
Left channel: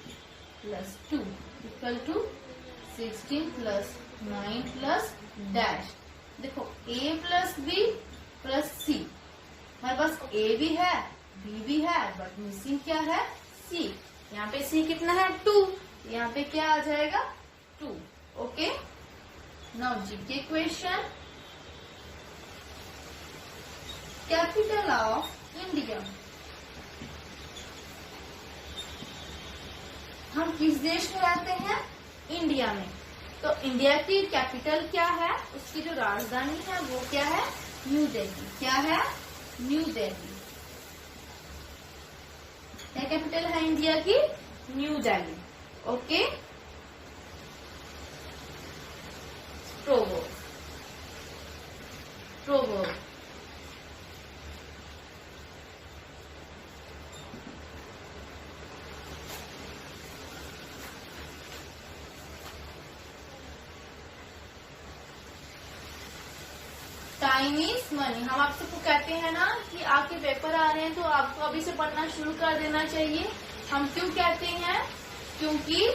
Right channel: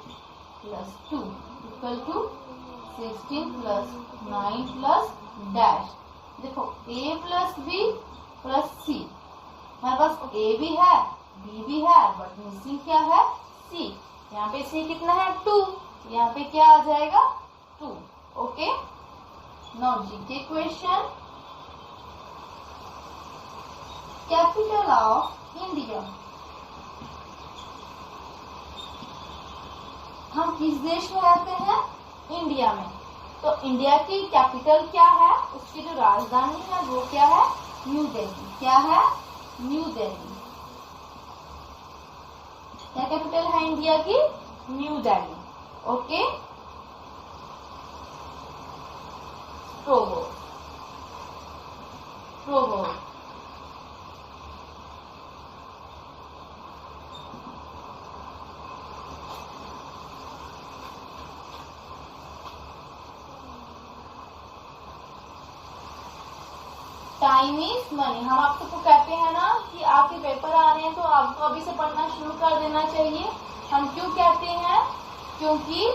plus 2 equal to 16 plus 9 plus dash. देखो a plus B plus C, हमारे पास a भी है b भी है, बट मिसिंग क्या है, c। यहाँ पे c कितना है, 2, यहाँ पे क्या आ जाएगा, 2। Okay, now GK question, capital of India. हम किस देश में रहते हैं, इंडिया में। तो इंडिया की कैपिटल क्या है, उसकी जो राजधानी है वो क्या है, न्यू दिल्ली। क्या है, न्यू दिल्ली। क्या कैपिटल है इंडिया की, new Delhi. Okay, proverb. Time is money. हम आप सबको कहते हैं ना कि आपके पेपर आ रहे हैं तो आपको अभी से पढ़ना शुरू कर देना चाहिए। हम क्यों कहते हैं, क्योंकि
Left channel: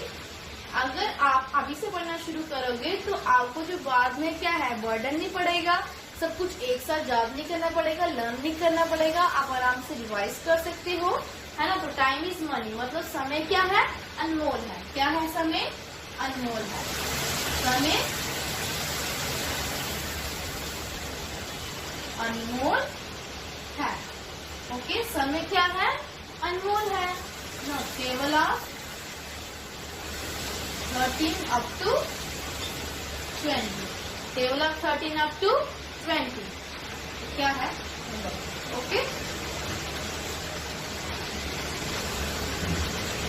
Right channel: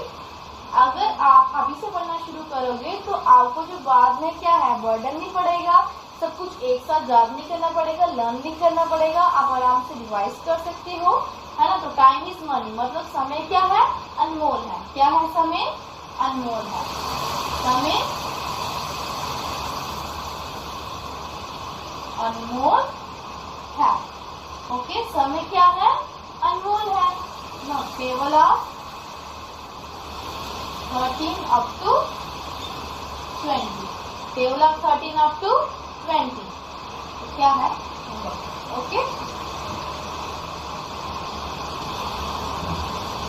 अगर आप अभी से पढ़ना शुरू करोगे तो आपको जो बाद में क्या है, बर्डन नहीं पड़ेगा, सब कुछ एक साथ याद नहीं करना पड़ेगा, लर्न नहीं करना पड़ेगा, आप आराम से रिवाइज कर सकते हो, है ना। तो टाइम इज मनी, मतलब समय क्या है, अनमोल है। क्या है, समय अनमोल है। समय अनमोल है। ओके, समय क्या है? अनमोल है। No, table of 13 up to 20, table of 13 up to 20 क्या है? ओके